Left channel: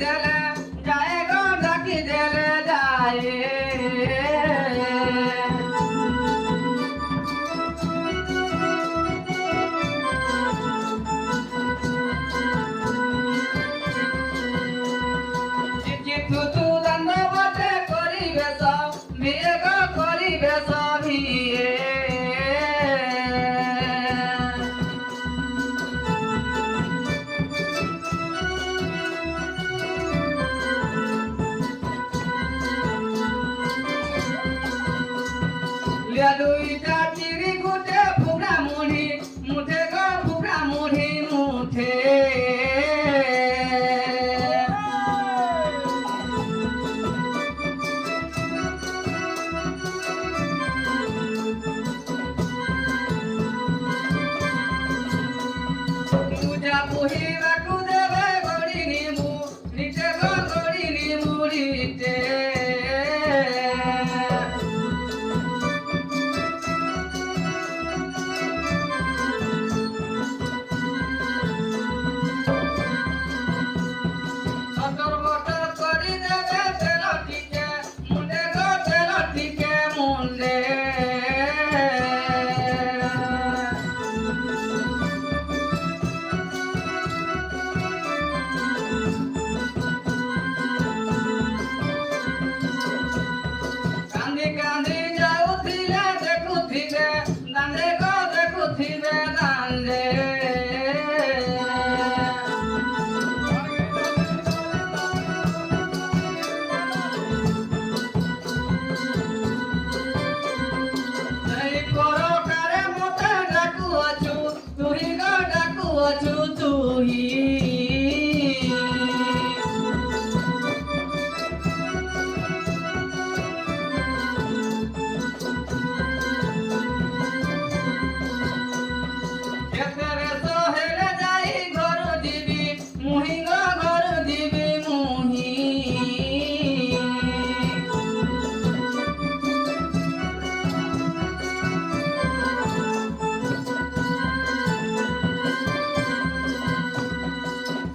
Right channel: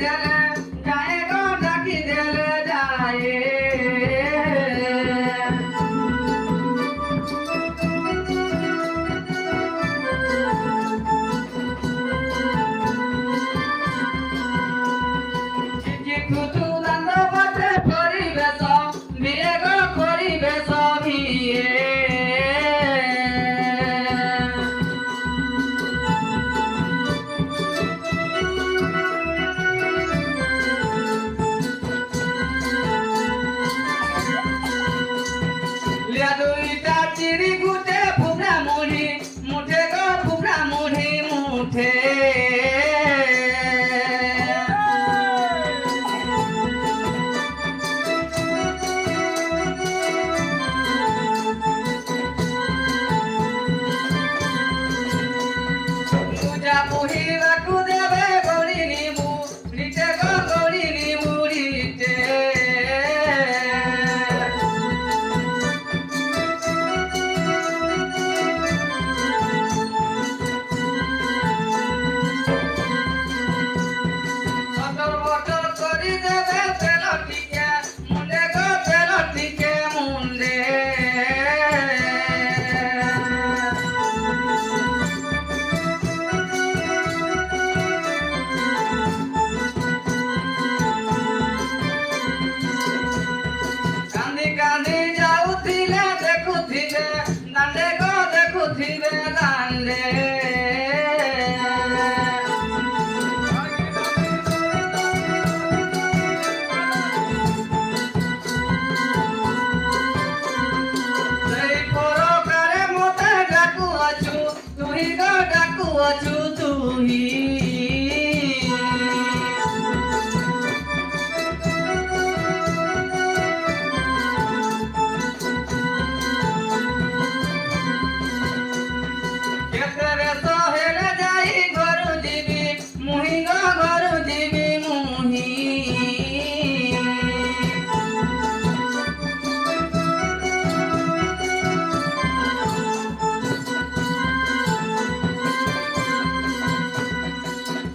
দেলে যায় গো ডাকি দেলে যায় চিঠি তুতু দণ্ডবতে করিবেশ বিয়ে গো করিবেশ বিয়ে লিয়া দুইটা চিড়ি গুটে ফুগা মুড়ি মুঠে গো ফুগা মুড়ি মুঠে পূজা পুহিବାକୁ দেবে গড়ি নিমু রিটে গো গড়ি নিমু রিটে বটর বটর করি দেবে তেল টিকে মুন্ডে গো তেল টিকে মুন্ডে কান্দি কান্দি যাউଥିଲେ দেখুଥିଲେ দাଣ୍ଡে গো দেখুଥିଲେ দাণ্ডে এই পরকারে মতে ডাকুয়াছু তুই গো ডাকুয়াছু তুই কেতরে সহেলে যাই ঘরু দিবি মুহি গো ঘরু দিবি মুহি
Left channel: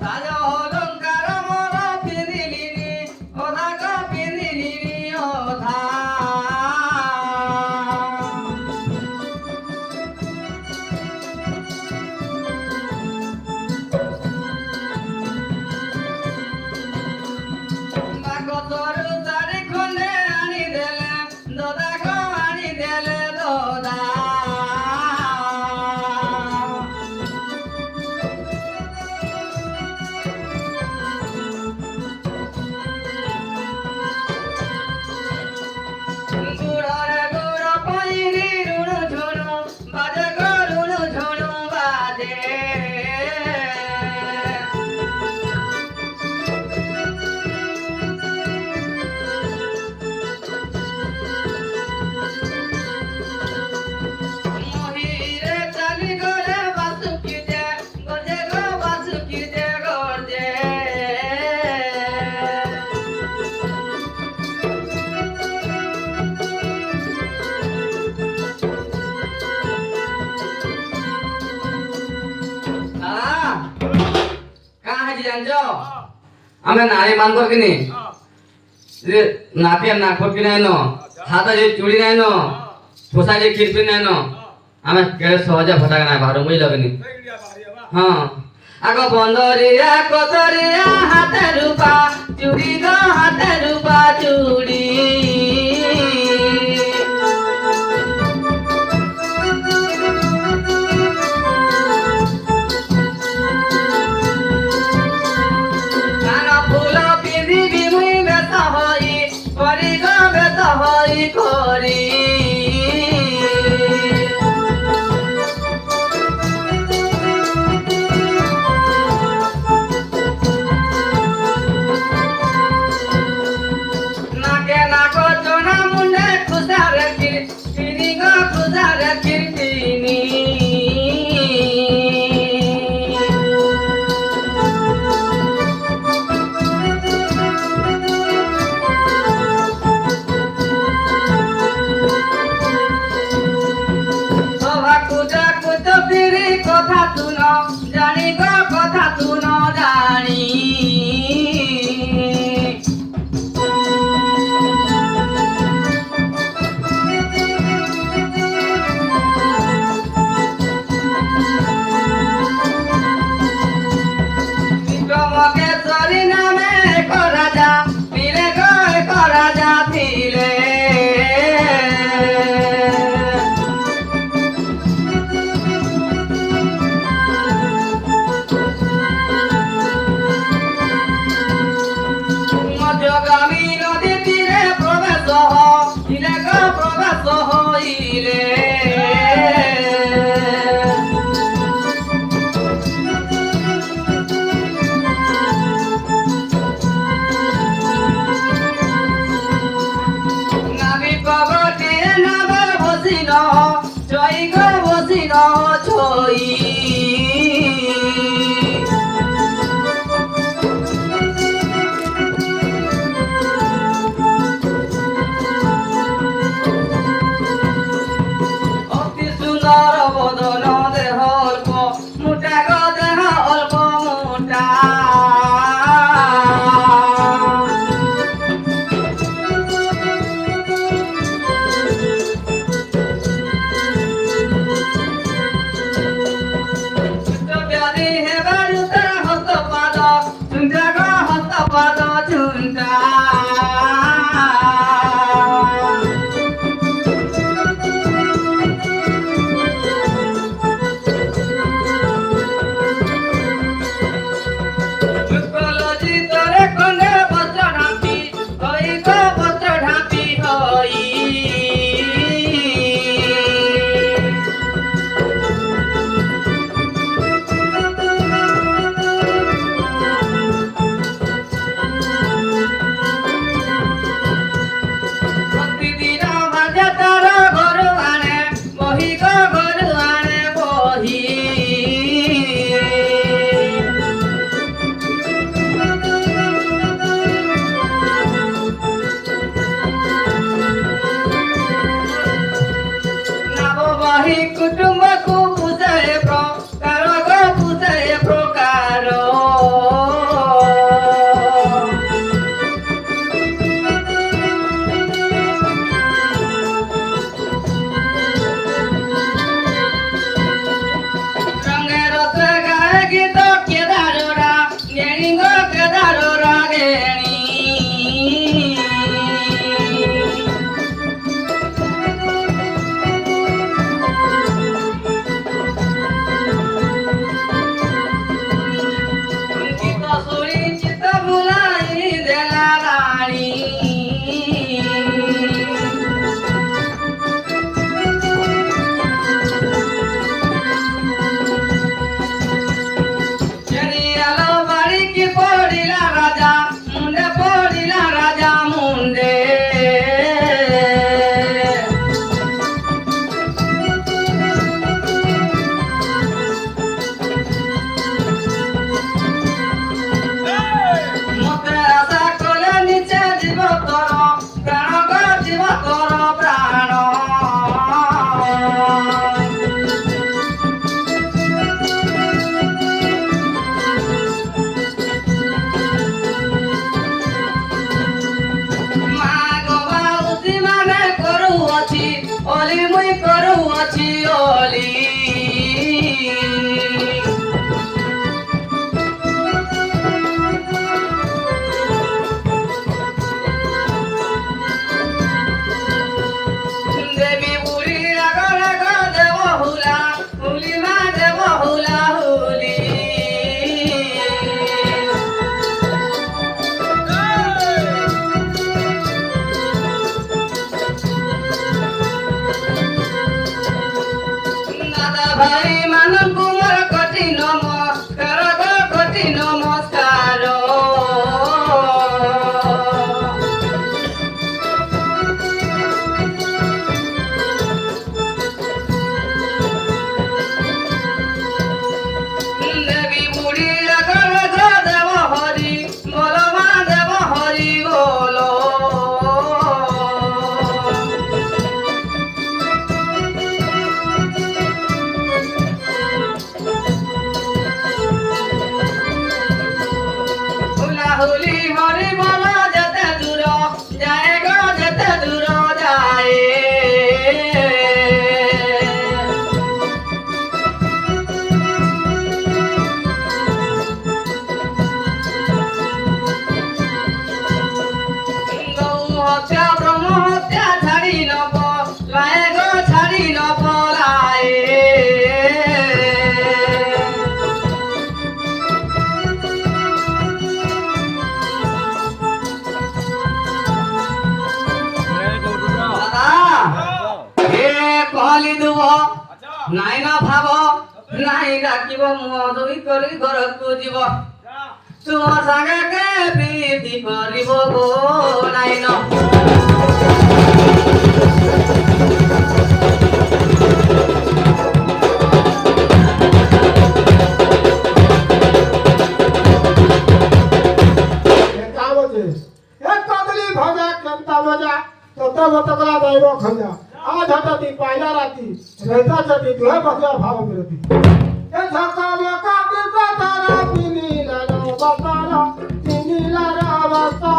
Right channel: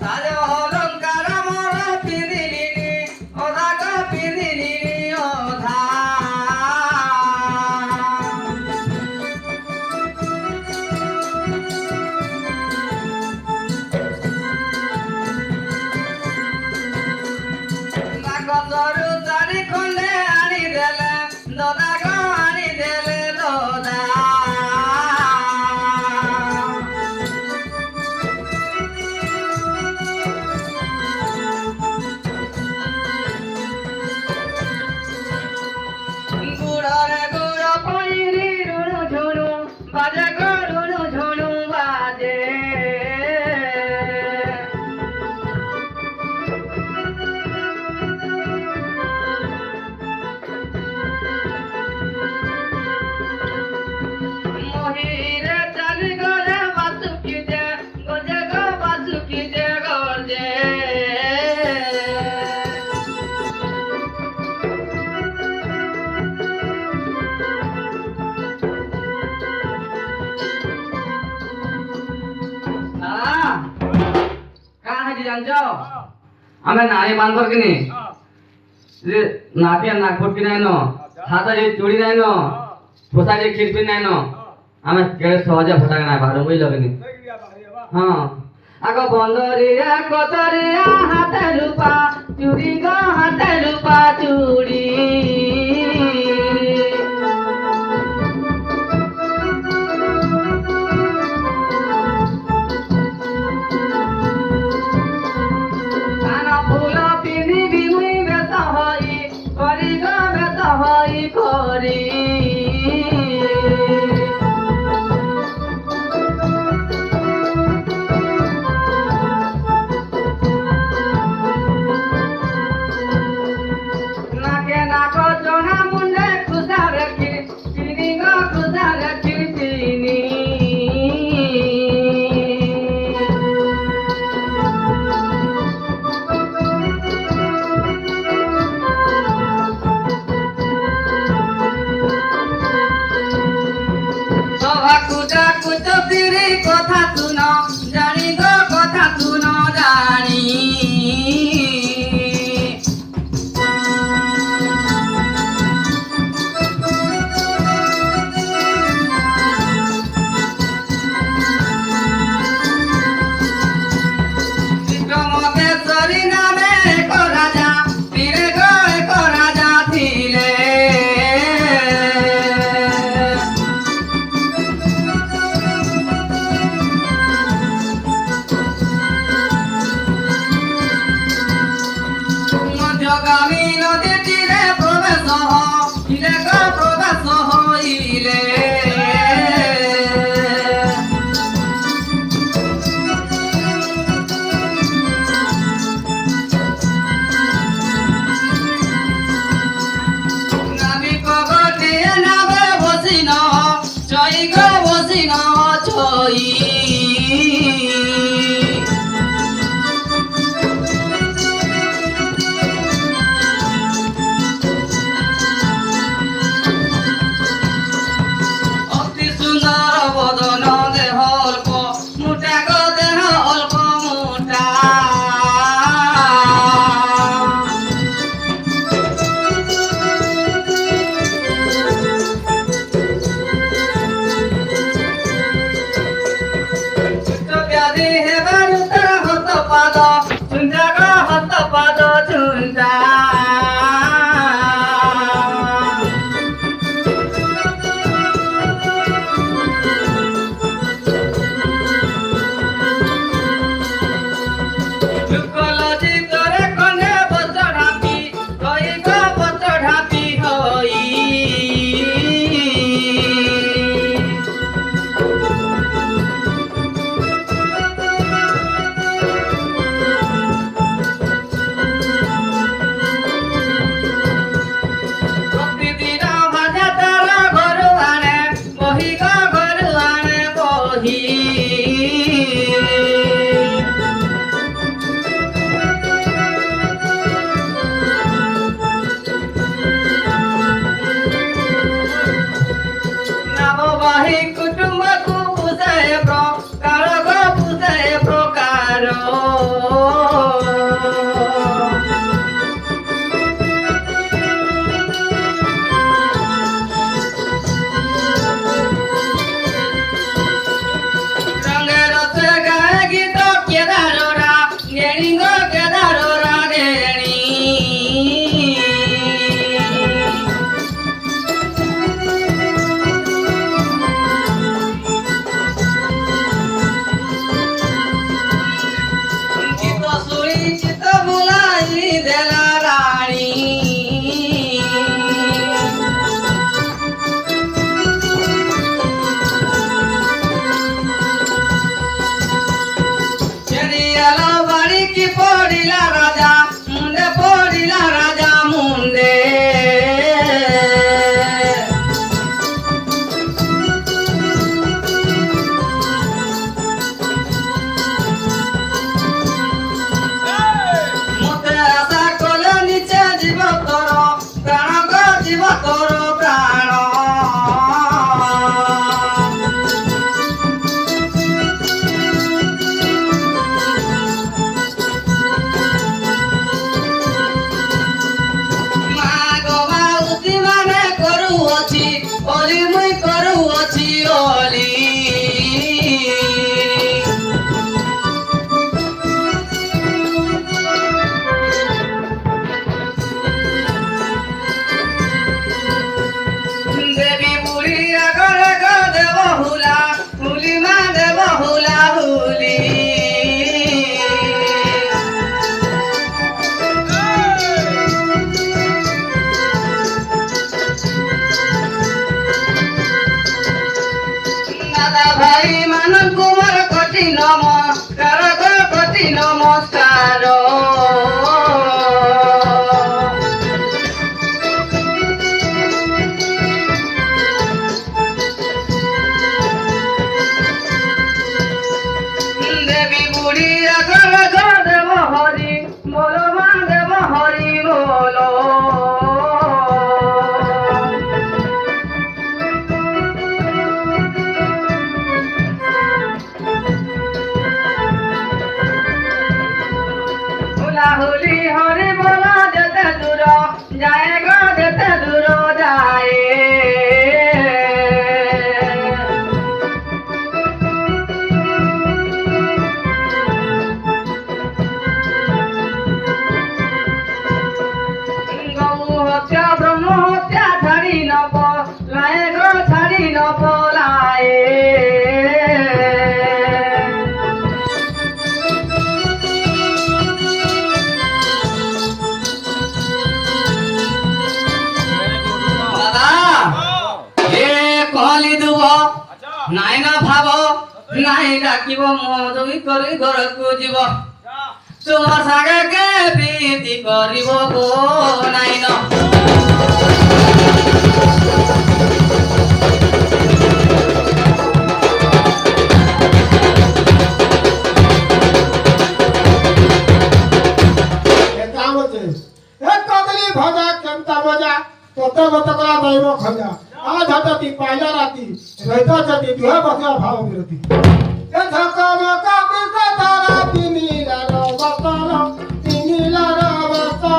সাজ অলঙ্কার মোর পিরিলিনি অধা গো পিরিলিনি অধা বাগতরু চারি খন্ডে আনি দেলে দদা গো আনি দেলে দদা গুড়রে গুড় পইরি রুণু ঝুণু বাজে গো রুণু ঝুণু বাজে মহিরে চালি গলে বাসুকি দে গজে গো বাসুকি দে গজে কাহা হাজি জানছ আমরা নারী মানবর কিনি যে নাপিয়া নাকপট কি নাই ন হাতা যে চুড়ি নাই ন ঠোসা যে খিরপি নাই ন আমি কেড়ে সহজে ফটাক নাই বাহার বুঝ লাগনি হ্যাঁ আগ বন্দরিয়া কতরিয়া হাতে রূপা চুড়ি গো হাতে রূপা চুড়ি কান ফুল পিঁধিবি মুই বেশ হই করি গো বেশ হই করি বলি হরি বলা যেতে দূর যায় গো যেতে দূর যায় গৌ হত্যা ব্রহ্ম হত্যা ছাড়ি নব লায়ে গো ছাড়ি নব লায়ে कहली दुब नाई ना भाव नाई डाकिब मधुई करी घर को जीव तुम सागे के प्रीति करिब गो नाई न एक कदली भजा केमता मजा तोता बतकला दैव खजा आज हटती पायला राती रहता जती तुह बकरा भाव विरती ए धका मका के कतारा पिनीला रा बताला पिनीला रा बता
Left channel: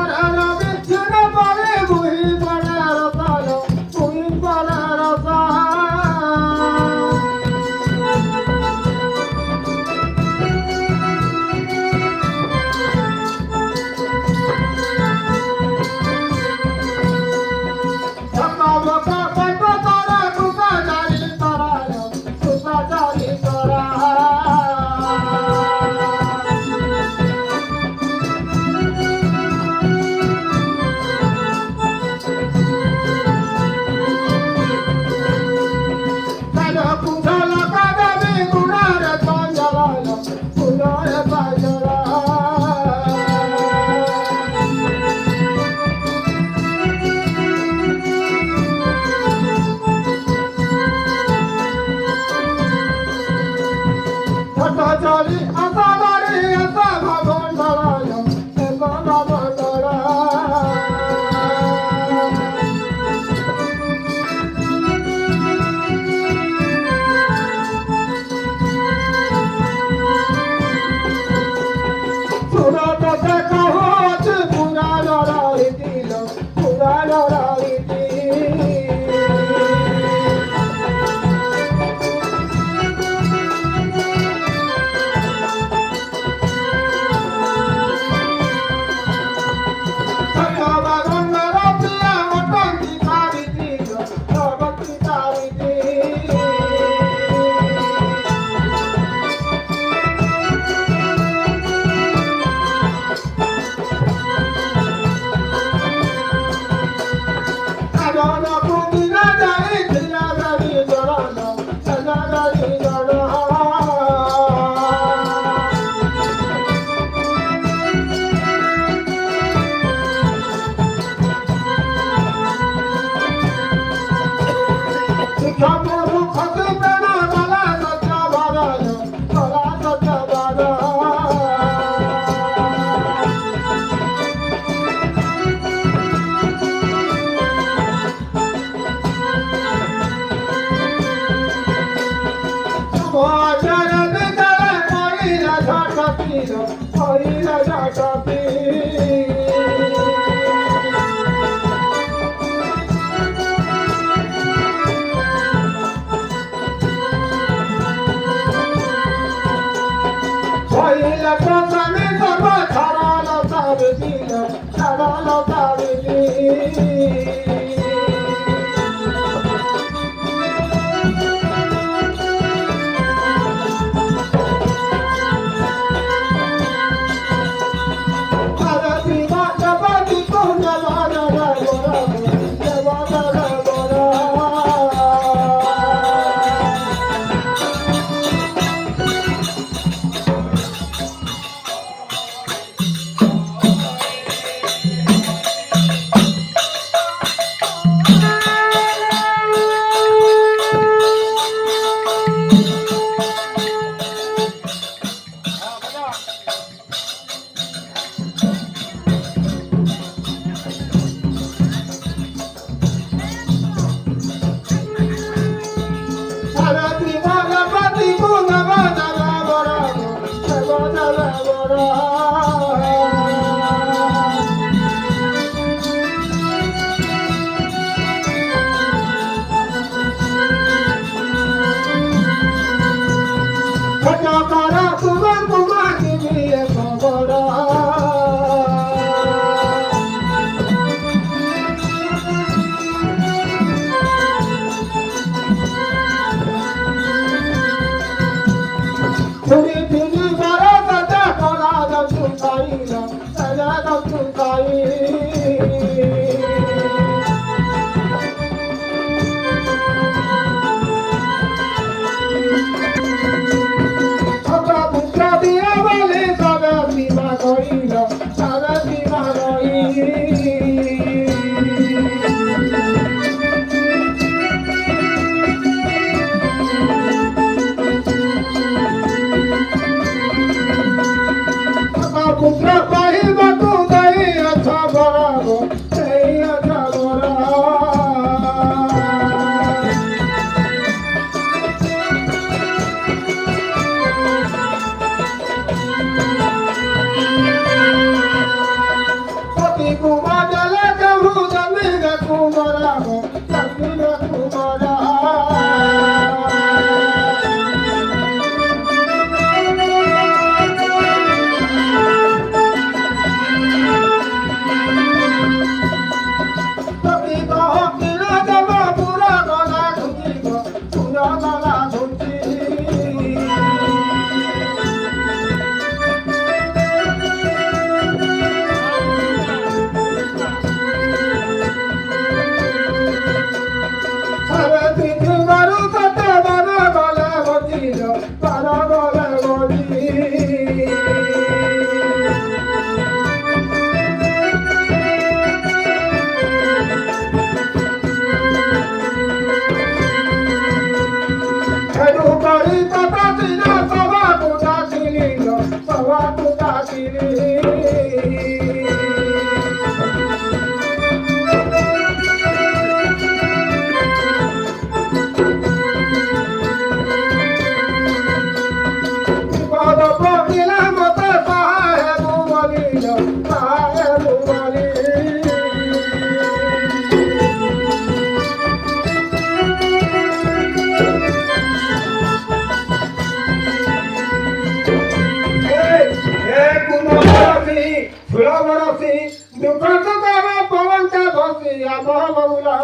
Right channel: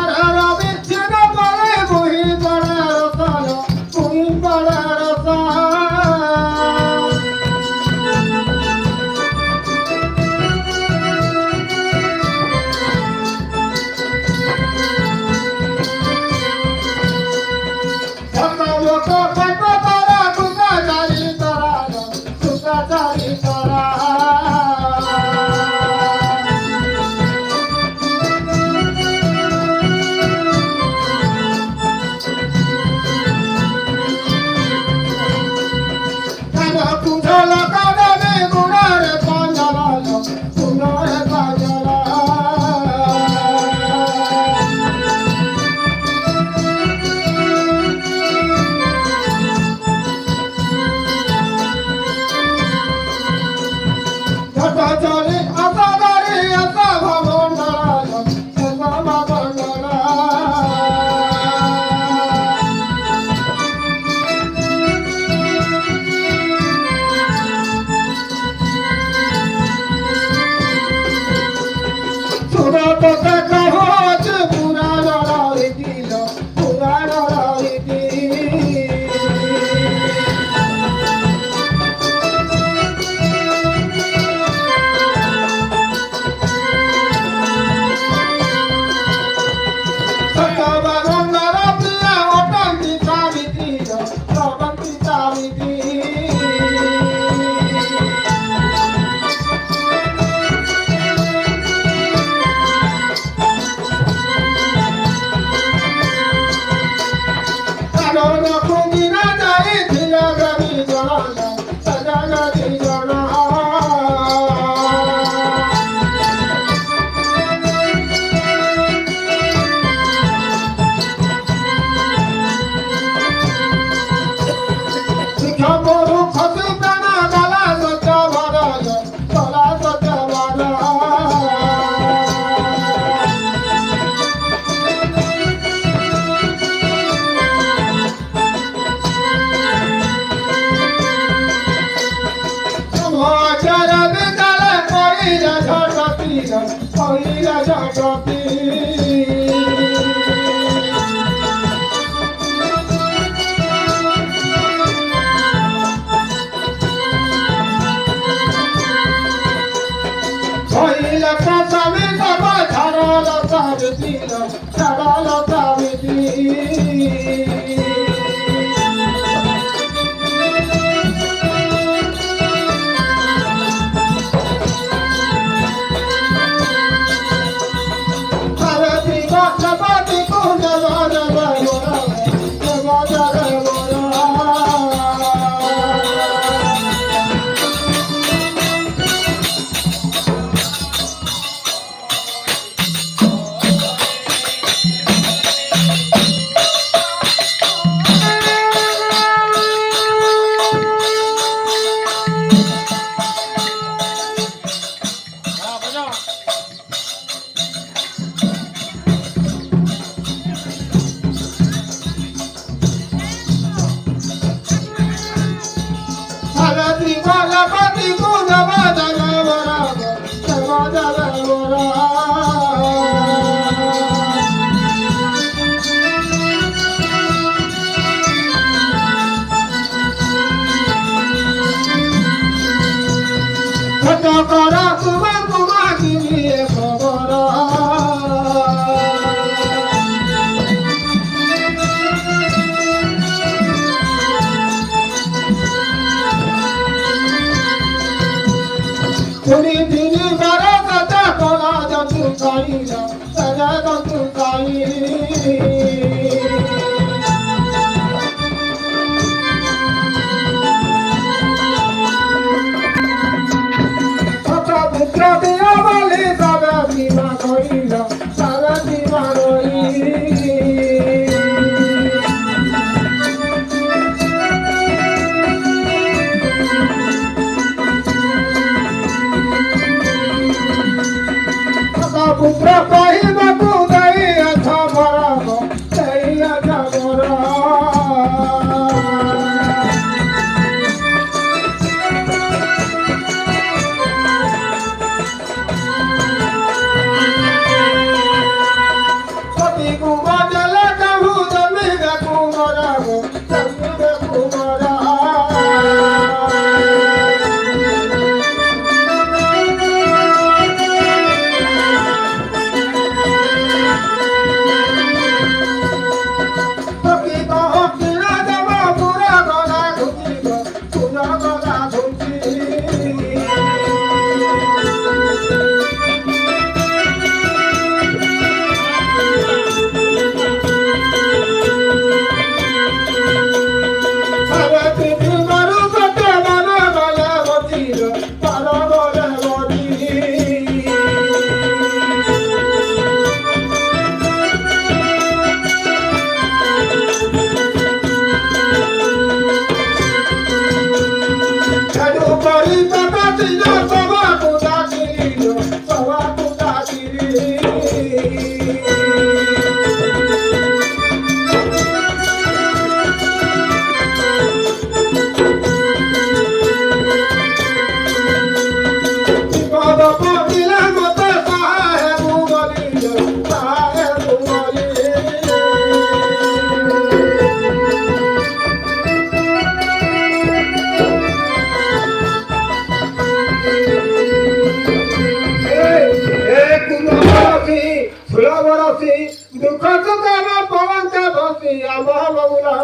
हरा बिछना पड़े बुही बड़ा रसालो बुही बड़ा रसा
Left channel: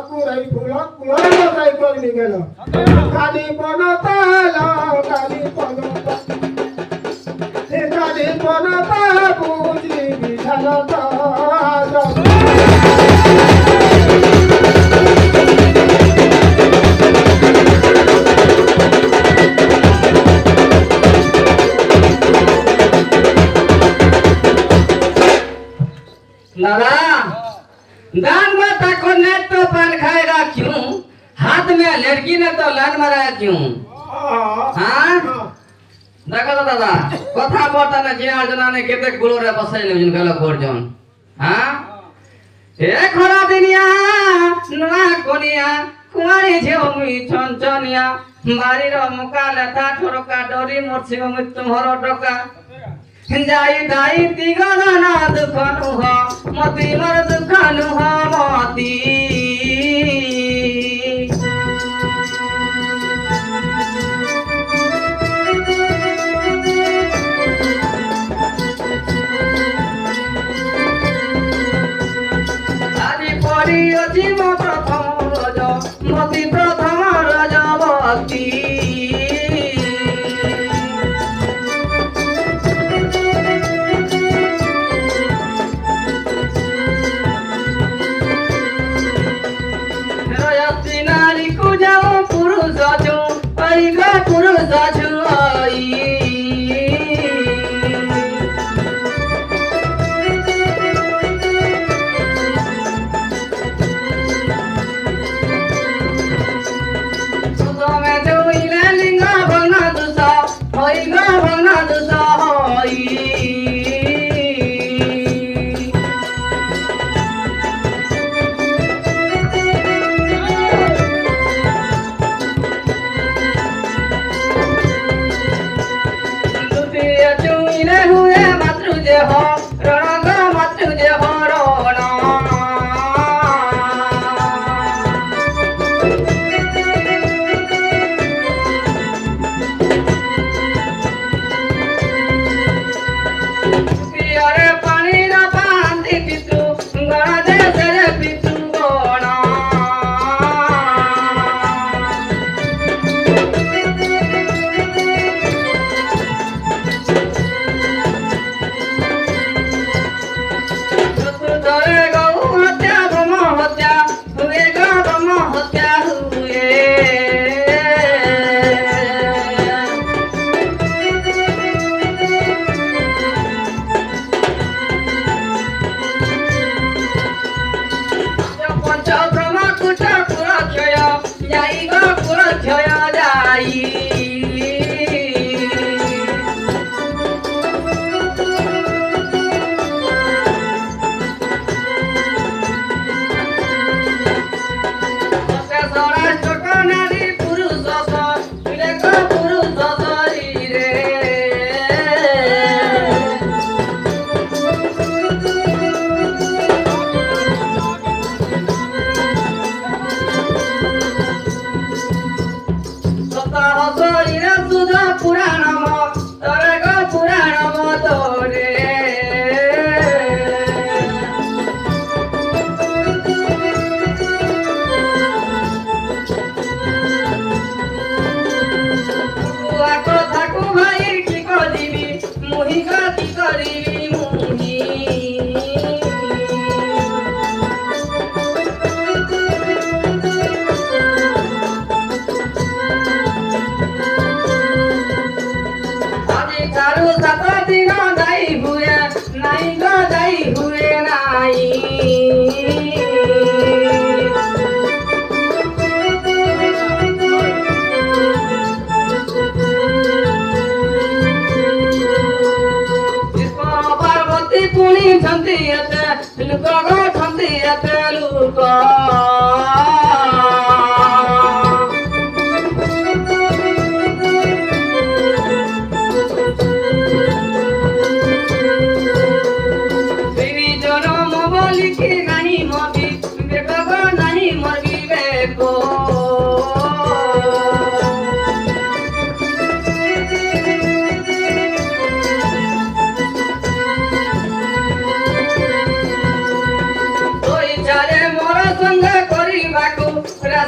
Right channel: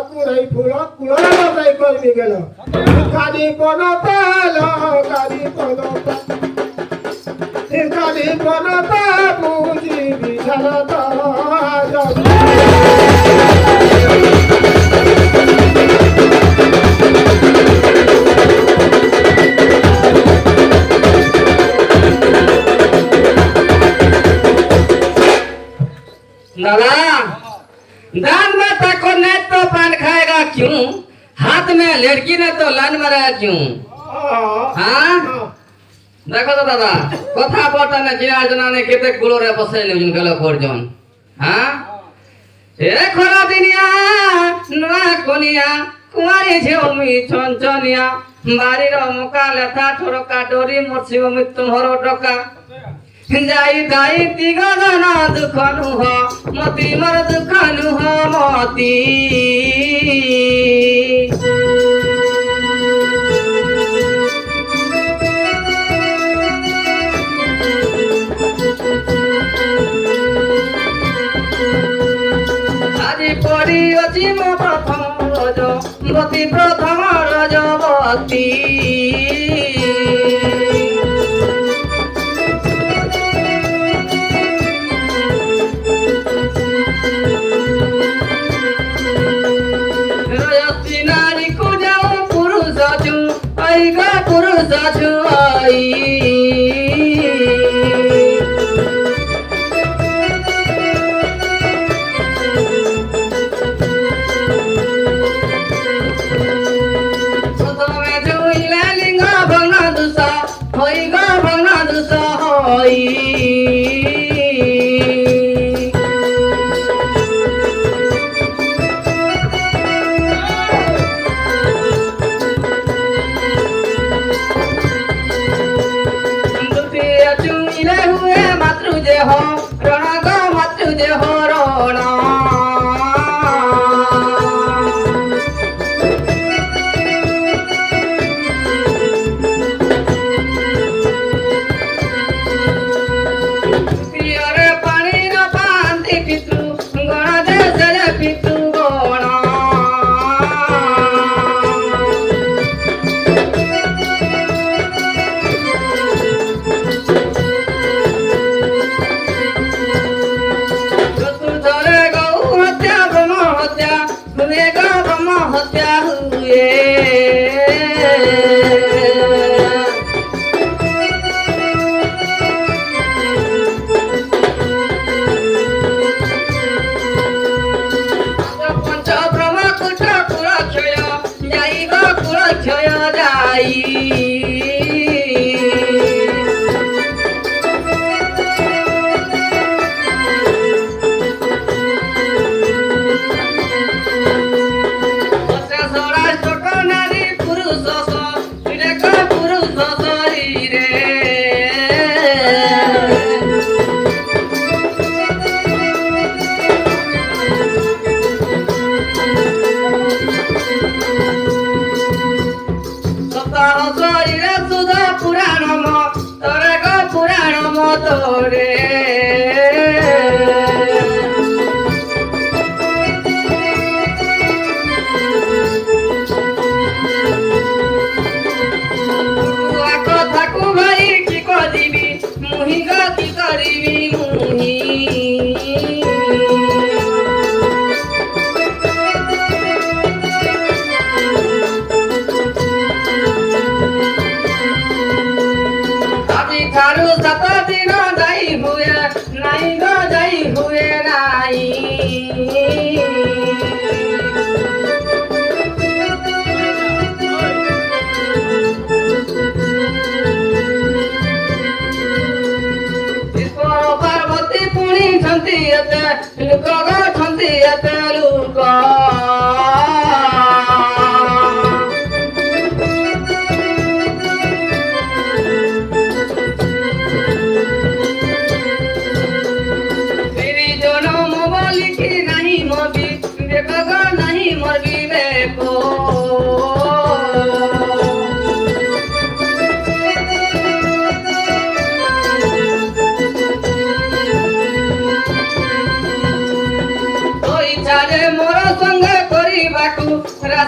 कुराई फुला कुराई जाई कोणी गेलं खाली पडता खाली पडता खाली पडता बुजी विचारता दादा दान में तको नहीं तो पान खाएगा क्यों हाथ में लड़की ने तो लान मारा क्यों हाँ देखो तो दादा कथा बोलता ना जिया जना ने केते गुलो रे बसाई ले जिन गलो करजन हाँ ए खरा दिनिया नुआ कोनिया कुमारी झेउमी छनछनिया बारी रो मुका लेथा ठोरका डोरी मोरसी मी तुम्हारो टका जाई दाई तिगो ना दुखनु हो मती मर दुखनु हो मती আজি পড়ি অছি মো প্রথম রজ মতি প্রথম রজবতী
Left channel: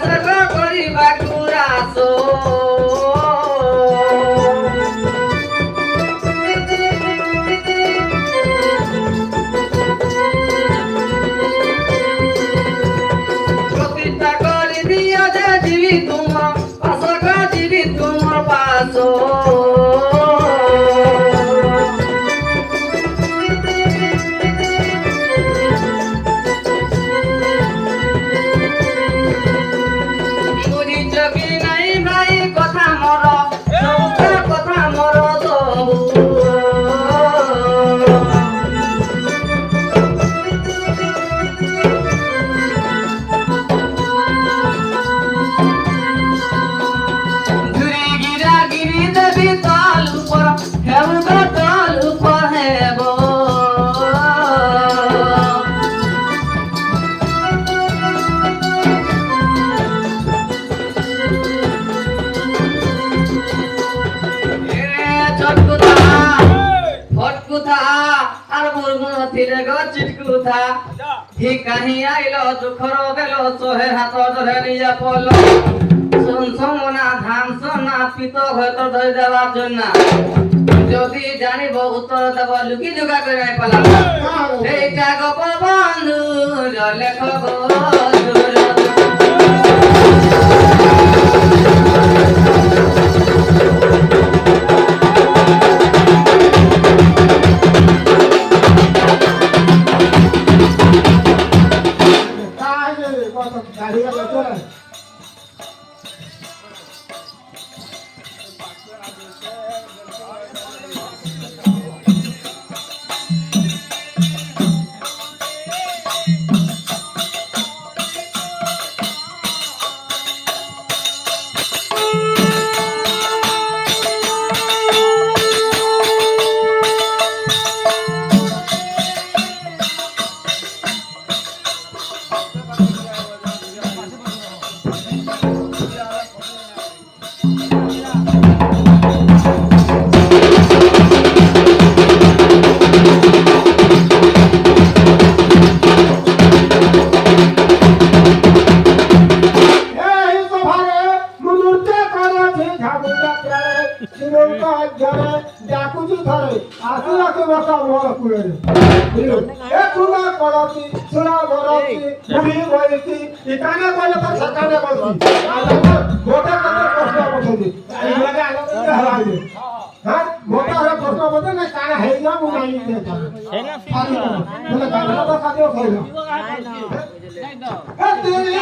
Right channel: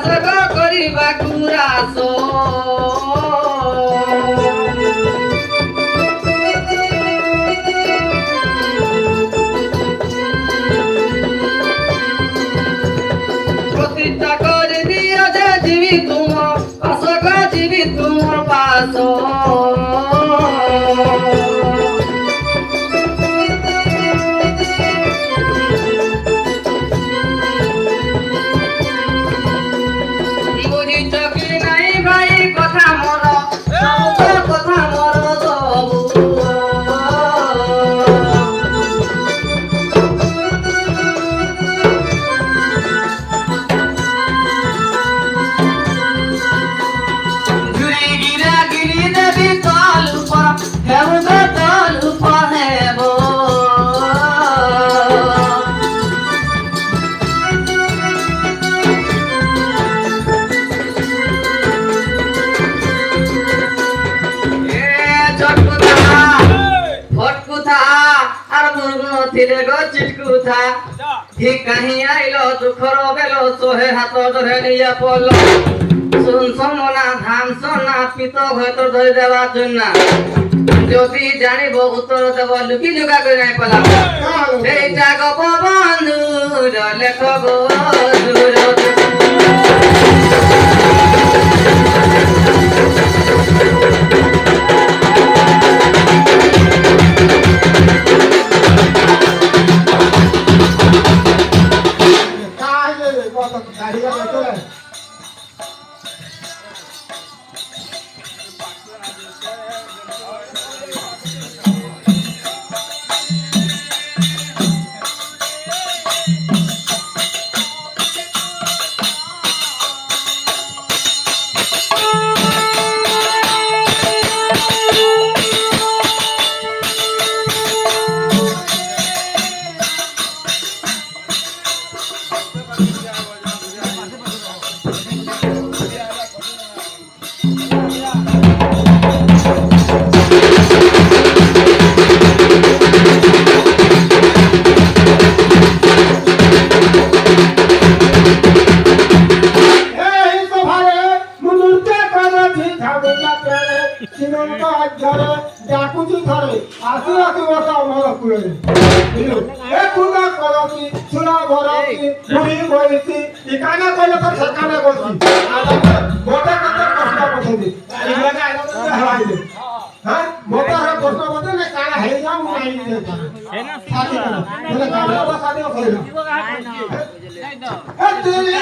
ଆଶ୍ରକ କରିବାକୁ ରାସ ପ୍ରତିଷ୍ଠା କରିଦିଅ ଯେ ଯିବି ତୁମ ଆଶ୍ରକ ଯିବି ତୁମ ପାଶ ବୁଝିଛ କି ନାଇଁ ଭାଇ କଥା ମୋର କଥା ମୋର ସବୁ ঘুরি গিরা গিরি দেবী তাল উপর হেউগা তাল উপর হেব এ চটকুথা ফটকুথা আর বুঝ নথিলে গো চিটকুথা হি কাহি আইলো দুঃখর বেলো সোহে হাত ধরে নিয়ে পড়ল শুন সমনা ধান সোনা পিত হয়তো ধরে দেওয়ার জন্য যদি জানিব উত্তর দেব লুকি জোগা করে নাই পেলাম এইটা গপ বন্ধুর লেখ গো काय रे कत गाडी लागतो ডাকুছি ধরে আসু আসু বসা মর কুড়ে এ কুলা করছি সুরা বরছি বুড়ি বলছি এখানে বলে তো সেখানে বলছি গোটা কত প্রশ্ন বসে এই জায়গা আইলো তো হারাই দে হ্যাঁ মোটা হয়ে প্রশ্ন বলতে না কানা হয়ে যাও নাই দে সাথী না বলে গানা তো সাথে হয়ে না এ তেরে